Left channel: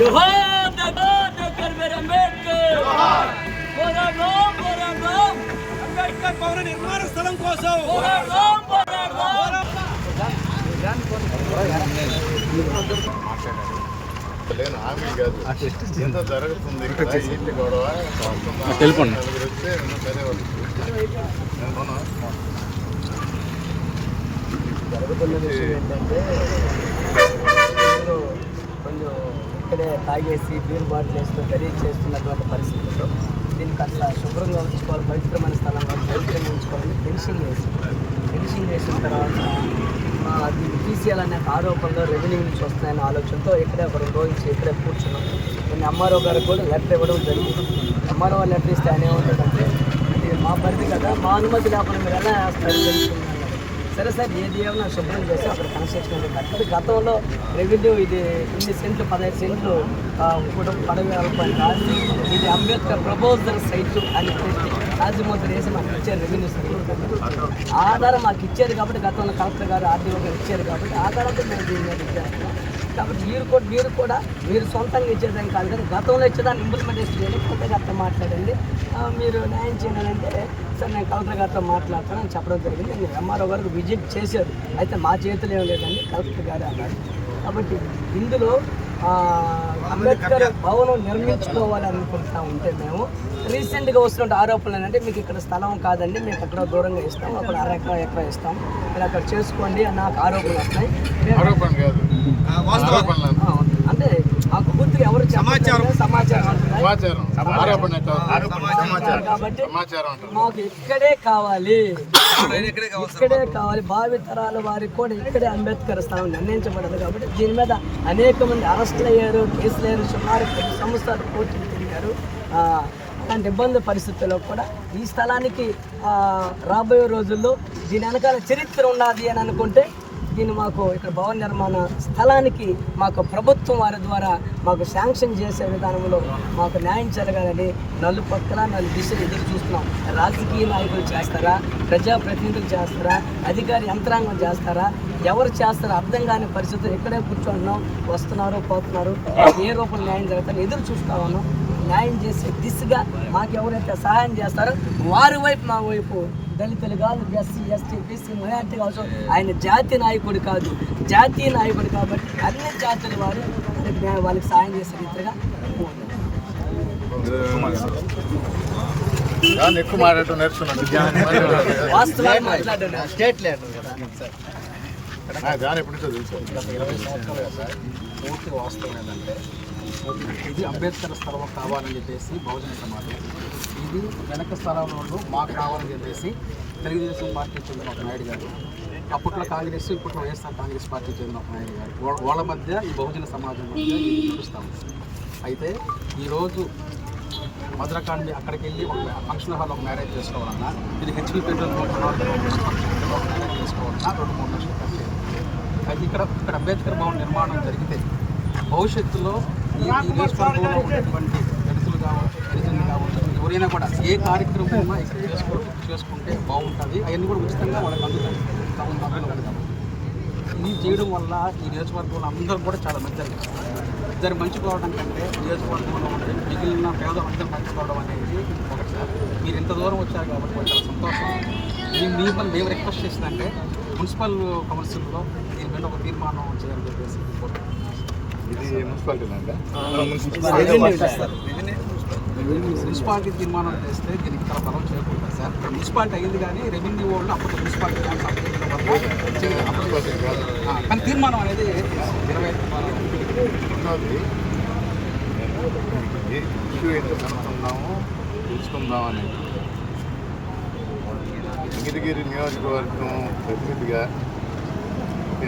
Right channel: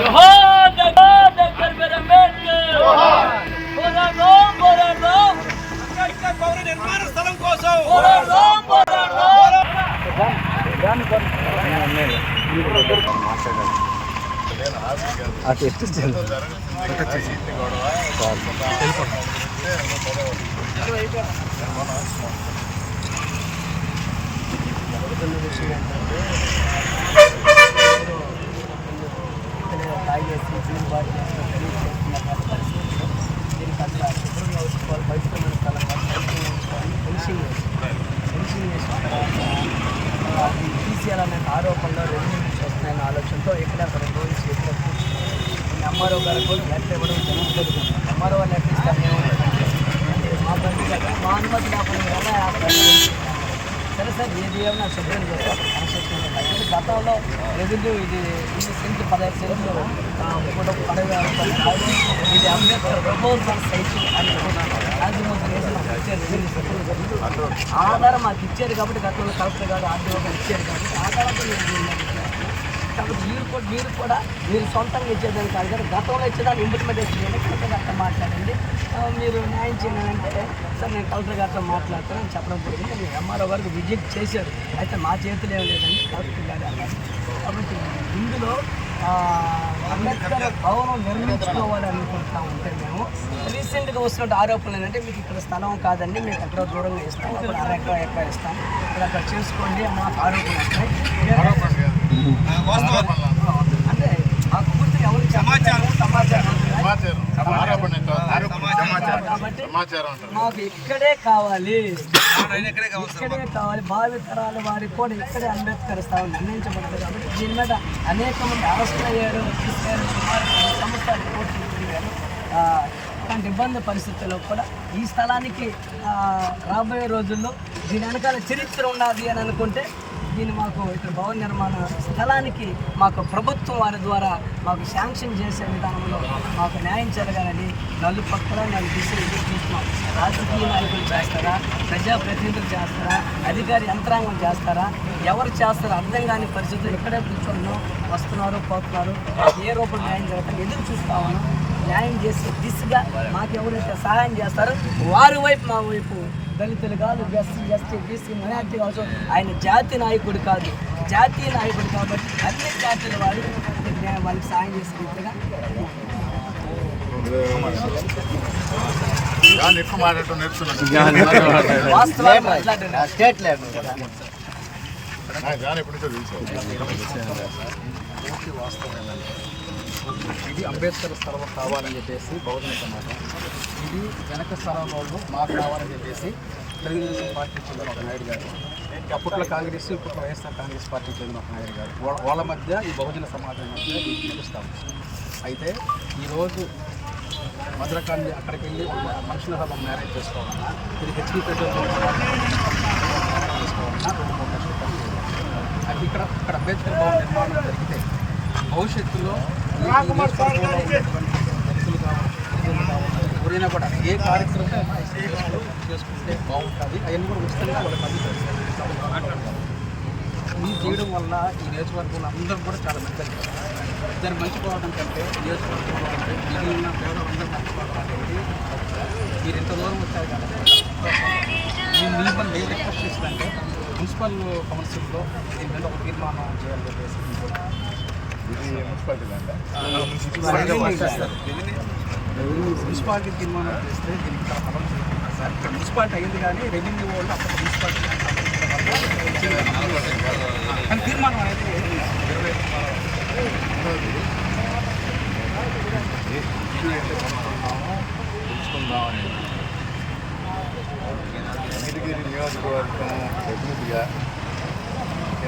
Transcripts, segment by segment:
जोहार doctor B are Ambedkar పోరాడదాం అంబేద్కర్ భవన నిర్మాణ స్థలం కోసం పోరాడదాం జరుగుతున్న విషయం ఏంటంటే కొంచెం ఇక్కడే తాగేసి బీర్ బాటిల్ వేసుకుని ఖరీదు చేస్తున్నటువంటి పరిస్థితుల్లో దీనికి అట్లా శుభ్రంగా ఉంచుకోవాలి, పవిత్రమైన స్థలం పవిత్రంగా ఉంచుకోవాలి. ఫెన్సింగ్ చేసిన తర్వాత అది తీసేయాలనే ఆరోపణలో రెవెన్యూ నుంచి వస్తున్నాయన్న ఆలోచనతో ఇక్కడే ఒక 2 రోజులు ఇక్కడే కూర్చున్నాం. నేను ఎంఆర్ఓ గారికి కూడా లెటర్ ఇవ్వడం జరుగుతుంది. ఎంఆర్ఓ లెటర్ ఇస్తే అనేమంటుందంటే ఇది మా పరిధి కదా, మా అనుమతి లేకుండా మీరు ఎలా వేస్తారు తెలిసిందన్నారు. సరే సార్ ఏది ఏమన్నా శుభ్రం చేస్తే అక్కడ కన్స్ట్రక్షన్ అనేది గతంలో రెవెన్యూ ఇది 8 సెంట్లు 15 సెంట్లు కూడా పడవ అనుకోని కాదు, ఇది అంబేద్కర్ ప్రపోజల్ సైట్ అని పెట్టి రాజముద్ర వేసి మాకు ఇచ్చారు. రెవెన్యూ సెక్రటరీ ఆధారం మాకు ఇచ్చారు కాబట్టి గతంలో కలెక్టర్ గారు ఆర్డీఓ గారు ఇచ్చారు కాబట్టి ఆధారంతో మేము దీని మీద ఇచ్చేస్తున్నాం. కాబట్టి మీరు కూడా మీరు సొంతంగా ఇచ్చేదాన్ని కాదు కానీ గతంలో ఇచ్చేదాన్ని ఇంప్లిమెంటేషన్ చేయాలి. కొత్తగా అట్లా మాట్లాడండి, మీరు న్యాయం చేయాలంటే సార్ నేను కలెక్టర్ గారితో మాట్లాడతానని చెప్పడం జరిగింది. నేను ఎంఆర్ఓ గారికి విజిట్ చేశారు, అయితే మా చేతులు ఏం లేదండి కలెక్టర్ గారు అన్నారు. కాబట్టి ఇందులో అంబేద్కర్ భవనం నిర్మించుకోవాలనుకుంటా ఉంటే మేము రీసెంట్గా వస్తున్న ఆరోపణలు ఏంటంటే మీకు ఇక్కడ స్థలం కాదండి, మీకు అక్కడ దూరంగా ఇస్తాం, అక్కడ ఎకరా ఇస్తాం, మీరు అక్కడ చేసుకోండి అన్న ఆరోపణలు వస్తాయి. అంటే మాకు గుర్తుగా ఎవరు సమాచారం కాబట్టి మాకు ఇక్కడే కావాలి, భావి తరాల వారికి కూడా ఇక్కడే అంబేద్కర్ స్థలం నిర్ణయించబడదు. కాబట్టి దీని మీద అనేక మంది అరెస్టులు అయ్యారు, కేసులు అయ్యారు, సుమారు 10 సంవత్సరాలు కోర్టులు తిరిగారు. అలాంటి ఇబ్బంది పరిస్థితుల్లో కూడా ఈ స్థలానికి రాబోయే రోజుల్లో దీని వెనకాల చరిత్ర ఉన్నది అని అనుకుంటే దీన్ని మాకు ఇక్కడ భవన నిర్మాణ స్థలానికి మాకు ప్రభుత్వం వారి ద్వారా మాకు శాంక్షన్ చేసే విధానంలో మాకు న్యాయం జరగాలని నలుపక్కల 4 దిశలు ఎదురు చూస్తున్నాం. రాజకీయ నాయకులు చేస్తారా, ప్రజాప్రతినిధులు చేస్తారా, అధికారి యంత్రాంగం చేస్తారా, ఎవరు చేస్తారో అర్థం కాని పరిస్థితులు ఇక్కడే కూర్చుంటున్నాం, వస్తున్నారు పోతున్నారు, ఏ రూపంలో న్యాయం జరుగుతారో ఎదురు చూస్తా ఉన్నాం. న్యాయం చేసే దిశగా మాకు ఎవరైతే సహాయం చేస్తారో వారి వైపు మా వైపు దళితులు కాదు, ఎస్సీ ఎస్టీ బీసీ మైనార్టీ కావచ్చు, ఆయన జాతి నాయకుడు కాదు, జాతీయ నాయకుడు కాబట్టి అన్ని జాతుల వారు వాళ్ళకి సహాయం చేసే రీతిగా వాస్తవాలు మాట్లాడారు. స్టేట్ లేదు కదా పూర్తి వాస్తవం ఏంటంటే ఇది అంబేద్కర్ స్థలం కావాలని చెప్పేసి బహుజన సమాజం, ఇది వెనక స్థలం వాళ్ళు మాకు కావాలని చెప్పేసి తెలుగుదేశం పార్టీకి చెందిన ఒక నాయుడు గారు, అప్పట్లో కాంగ్రెస్ ఇప్పట్లో వైఎస్ఆర్ కాంగ్రెస్ పార్టీకి చెందిన ఒక నాయుడు గారు, వాళ్ళ మధ్య ఈ బహుజన సమాజం మధ్య ఇది నడుస్తాము. అయితే ఈరోజు మద్రకాండి అక్కడికి వెళ్ళి ఒక ఫంక్షన్ హాల్ ఒక మ్యారేజ్ చేసుకోవాలన్నా, ఇది హెచ్పీ పెట్రోల్ మ్యారేజ్ చేసుకోవాలన్నా 2-3 లక్షలు ఖర్చు చేయాలి. అది ఇక్కడ అంబేద్కర్ భవన్ నిర్మాణం జరిగితే భవిష్యత్తులో నియోజకవర్గంలో ఉన్నటువంటి వ్యక్తులు కావచ్చు, ప్రజలు కావచ్చు, ఎవరైనా కూడా ఏ కార్యక్రమం ఉన్నా ఇక్కడ చేసుకుంటే బాగుంటుంది. అవన్నీ కూడా ఉచితంగా వాళ్ళకి అందుతాయి కాబట్టి ఇది చేయడం వల్ల ఈ నియోజకవర్గంలో అందరూ కూడా చాలా మంచి జరుగుతుంది. ఇద్దరు మంచిపోవడం కంటే నియోజకవర్గంలో ఉంటే మిగిలిన పేదలు అందరూ మంచిపోవడం అనేది ఒకటి. మీరు ఇంత దూరం వచ్చారు కాబట్టి చాలా సంతోషం. మేము రిక్వెస్ట్ చేసిందంటే మున్సిపల్ కౌన్సిల్లో దీని మీద ఒక తీర్మానం చేయాలని చెప్పేసి మున్సిపాలిటీ తీర్మానం చేస్తే దీనికి చాలా కలర్ చేయకూడదు సార్. ఇక్కడ మున్సిపాలిటీ అయ్యింది కానీ రెవెన్యూ వాళ్ళు అప్పట్లో మున్సిపాలిటీ కానీ కానీ తీర్మానం అనేది 20 తెలుసుకుందాం అనేది అమిరిగిరి నియోజకవర్గం ప్రతినిధిగా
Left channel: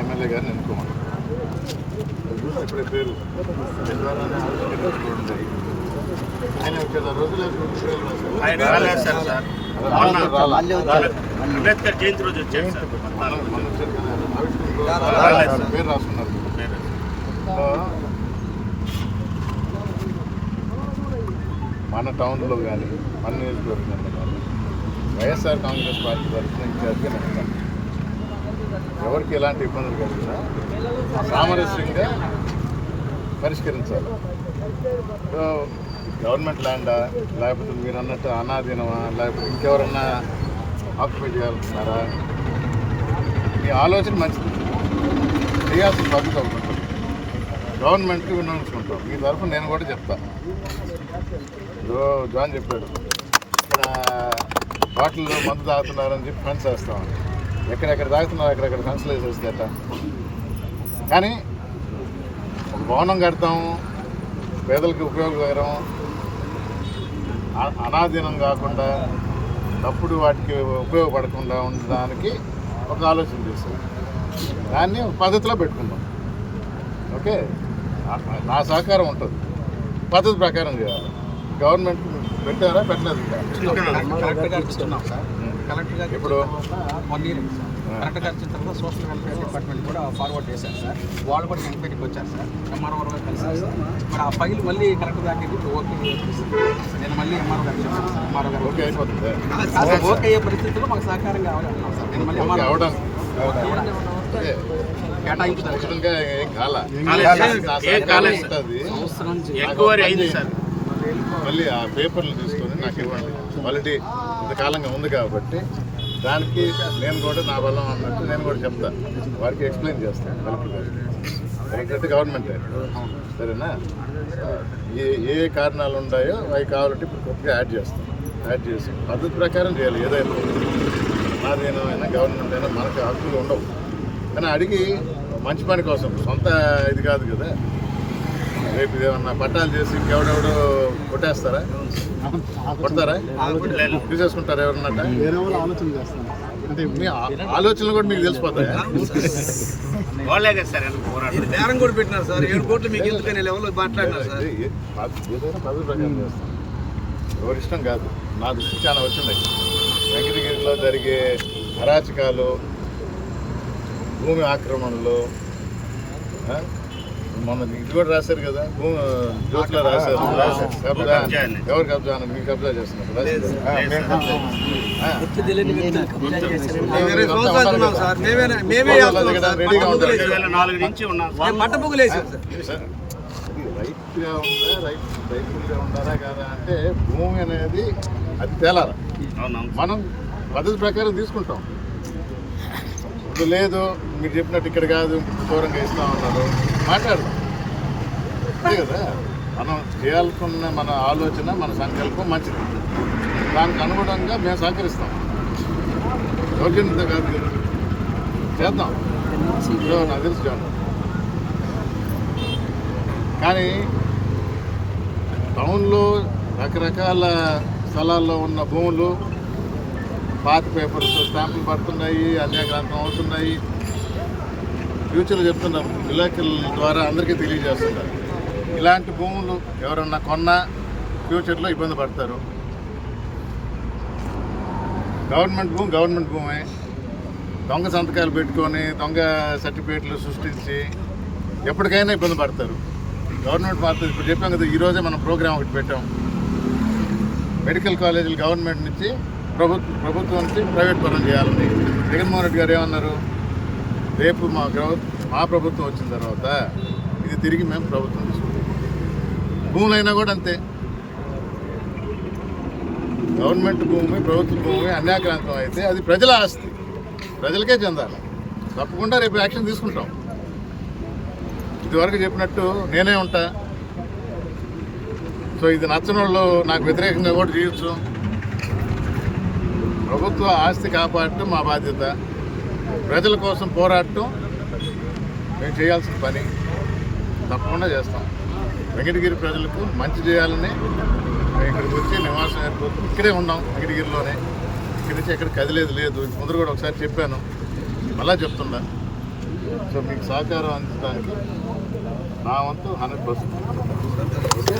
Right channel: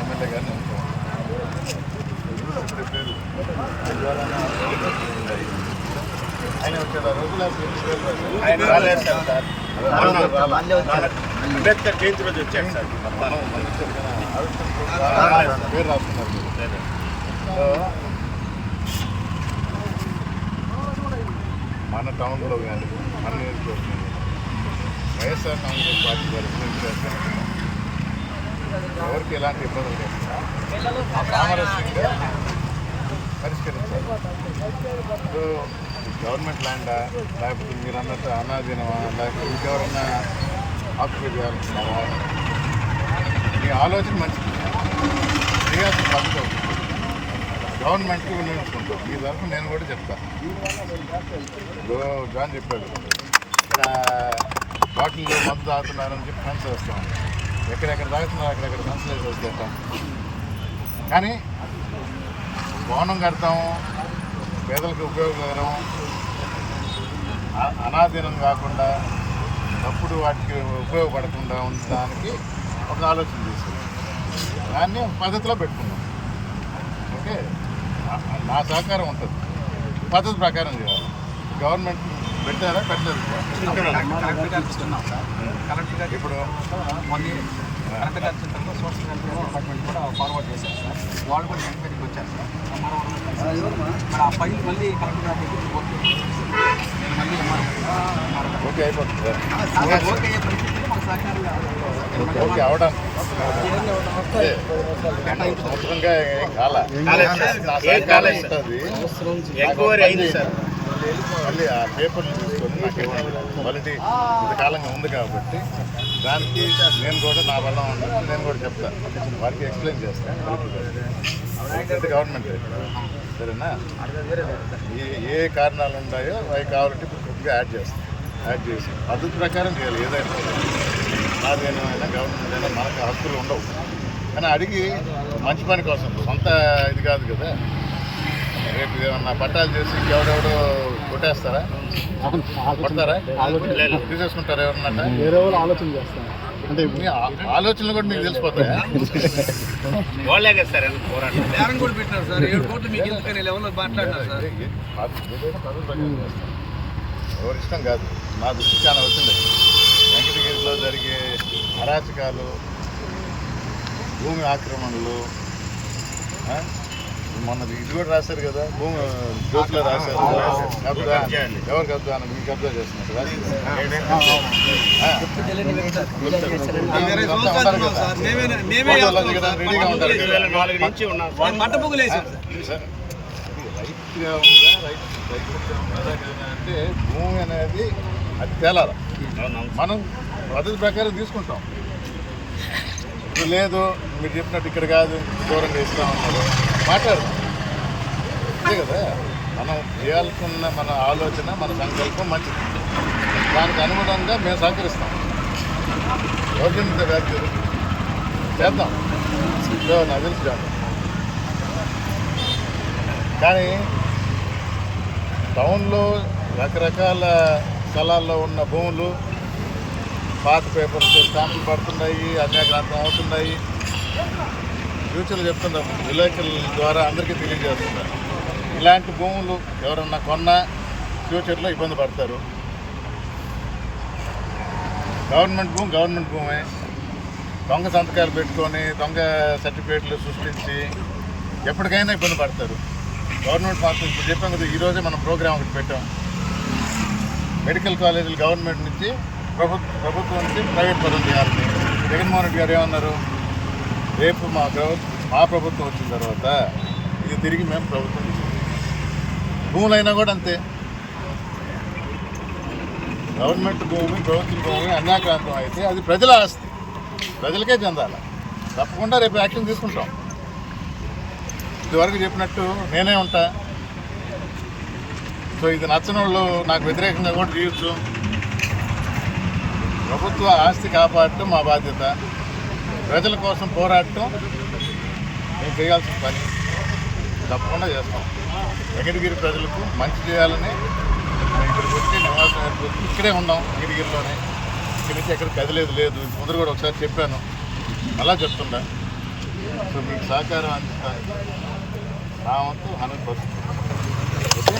ఎమ్మెల్యే గారిని ఎంచుకోవాలి. ఇక్కడ పేరు ద్వారానే ఆయన ఒక రోజులో అంబేద్కర్ జయంతి రోజు వచ్చారు సార్. పేరు రాస్తున్నారు. మన టౌన్లో కానీ మన నియోజకవర్గంలో కానీ వైఎస్ఆర్ కాంగ్రెస్ పార్టీ తరఫున ఎవరికి ఎలాంటి ఇబ్బందులు కలిగినా సామరస్యంగా పరిష్కరించాలి. సో గవర్నమెంట్ ల్యాండా లేకపోతే మీరు అన్నట్టు అనాధీనమా లేకపోతే ఇంకెవరన్నా ఆక్యుపై చేయాలనుకున్నారా? మీ ఆలోచన మంచిది, చేయాల్సిన పద్ధతి అవుతుంది. గవర్నమెంట్కి వినియోగించుకుంటాం. ఈ తరఫున నేను కూడా చెప్తాను. జాన్ చెప్పాడు ఇక్కడ బాటిల్ మందు తాగుతున్నారని చెప్పి ఫెన్స్ వేస్తాం. ఎక్కడెక్కడ తాగుతున్నారు అక్కడెక్కడ ఫెన్స్లు వేసేసేట. కానీ భవనం కడతాము, పేదలకు ఉపయోగకరం, అనాధీనం కాకుండా అప్పుడు వాటికి ఉపయోగపడకుండా ఉండడానికి ఒక ఆలోచన చేస్తాం. దాన్ని పద్ధతిలో పెట్టుకుందాం. ఓకే, నా సహకారం ఉంటుంది. పద్ధతి ప్రకారం చేయాలి. గవర్నమెంట్ పెట్టారా పెట్టలేదు. కలెక్టర్ గారికి ఇస్తున్నాం సార్. కలెక్టర్ గారికి ఇప్పుడు కలెక్టర్ గారికి ఇచ్చిన తర్వాత సోషల్ వెల్ఫేర్ డిపార్ట్మెంట్ కూడా ఫార్వర్డ్ చేశారు సార్. వాళ్ళు కూడా ఎంక్వైరీకి వచ్చారు సార్. ఎంఆర్ఓ కూడా కలిసారు సార్. మరి ఆ ఫైల్ మళ్ళీ కలెక్టర్ గారికి ఓకే, నేను మళ్ళీ ఎంఆర్ఓ గారు ఓకే అయిపోతుంది. ఓకే అయ్యే పరిస్థితిలో మాకు సహకారం కావాలి సార్. నేను మళ్ళీ ఎంఆర్ఓ అవడానికి మళ్ళీ ఆ పేపర్లు తీసుకొని నాకు ఇవ్వండి. క్వాలిటీ ఇంతకాలంగా ఉంది కాబట్టి దానికి నేను కూడా నా బలం అన్నట్టు నేను కూడా చెప్తాను. వారికి ఎక్స్ప్లెయిన్ చేస్తాను. కలెక్టర్ గవర్నమెంట్ సరేనా? ఏ కారణాలు ఉన్నాయో అవి కావాలంటే ఇప్పుడు కొద్దిగా యాడ్ చేస్తాను. యాడ్ చేసి పద్ధతి ప్రకారం చేయాలి. ఏదైనా అదేమైనా గవర్నమెంట్ అయినా మనకు హక్కులు ఉండవు. కానీ అడిగి మంచి పని కోసం, సొంత ఇది కాదు కదా. రేపు ఏమన్నా పట్టాలు చేసి ఎవడెవడో కొట్టేస్తారా? కొడతారా? తీసేసుకుంటారా ఎవరన్నా? వేరే వాళ్ళు ఆలోచన చేస్తాను. అంటే మీ ఆలోచనలు కూడా మీకు తెలిసిపోతాయి. వాళ్ళే కదా సార్ పోరాటం బేరం కూడా పెట్టినారు సార్. 7 కోట్లు మీకు ఎందుకనే లెవెల్లో మాట్లాడినారు సార్. ఎవరి ఇష్టం కాదు. నా దృష్టికి చాలా వచ్చింది. వెంకటగిరిలో జరిగే అరాచకాలు, భూమి ఆక్రమణలు, మొన్న ఇది కూడా రాశారు కదా, భూమి జ్యోతిలో రాశారు. కబ్జా ఎవరు కబ్జా అన్నది మీకు కబ్జా చేస్తున్నారు కదా. రెడీగా ఉంటారు. 2004 నుంచి ఉన్నాం. రైతుగా ఉందా, రైతుగా ఉన్నారా కాదా అంటే భూమి అనేది అది తేలాలి. మనం పద్ధతి ప్రకారం తీసుకుంటాం. ఇప్పుడు లేదు మీరు చెప్పినట్టు ఇక్కడ కాదు దూరంగా ఇస్తా ఉన్నారు, మాట్లాడు. అంతే కదా, మనం చేయాల్సిన మన ఆలోచన, మన సంకల్పం మంచిది. దానికి అనుగుణంగా మేము సహకరిస్తాం. దౌర్జన్యంగా కాదు, చేద్దాం. నాకు తెలిసి చేద్దాం. కానీ టౌన్లో రకరకాల స్థలాల్లో ఉన్న భూములు పాత పేపర్స్ స్టాంపులు పడుతున్నాయి, అన్యాక్రాంతం అవుతున్నాయి. ఫ్యూచర్లు చెప్తున్నారు, విలేకరుల ద్వారా అందరికీ తెలియజేస్తున్నారు. ఇలాంటి భూములు ఎవరన్నా కొన్నా ఫ్యూచర్లో ఇబ్బంది పడతారు. గవర్నమెంట్ భూమే దొంగ సంతకాలు పెట్టుకొని దొంగ సర్టిఫికేట్లు సృష్టించి ఎప్పటికైనా ఇబ్బంది పడతారు. గవర్నమెంట్ మాత్రం ఇప్పుడు చెప్పాం కదా, ఈరోజే మనం ప్రోగ్రామ్ ఒకటి పెట్టాం. మెడికల్ కాలేజీలు గవర్నమెంట్ నుంచి ప్రభుత్వం నుంచి ప్రైవేట్ పరం చేయాలి. జగన్మోహన్ రెడ్డి గారు ఏమన్నారు, రేపు మా ప్రభుత్వం వచ్చిన తర్వాత ఇది తిరిగి మేము ప్రభుత్వం తీసుకుంటాం. భూములైనా కూడా అంతే. గవర్నమెంట్ భూమి, ప్రభుత్వ భూమి అన్యాక్రాంతం అయితే అది ప్రజల ఆస్తి, ప్రజలకే చెందాలి. తప్పకుండా రేపు యాక్షన్ తీసుకుంటాం. ఇదివరకు చెప్పినట్టు నేనే ఉంటా. సో ఇది నచ్చనంలో నాకు వ్యతిరేకంగా కూడా చేయొచ్చు. ప్రభుత్వ ఆస్తి కాపాడటం మా బాధ్యత. ప్రజల కోసం పోరాడటం మేము చేయాల్సిన పని. తప్పకుండా చేస్తాం. వెంకటగిరి ప్రజలకు మంచి చేయాలని మేము ఇక్కడికి వచ్చి నివాసం ఏర్పడి ఇక్కడే ఉన్నాం. వెంకటగిరిలోనే ఇక్కడి నుంచి ఎక్కడికి కదిలేదు లేదు. ముందు కూడా ఒకసారి చెప్పాను, మళ్ళా చెప్తున్నా. సో మీకు సహకారం అందించడానికి నా వంతు 100%. ఓకే.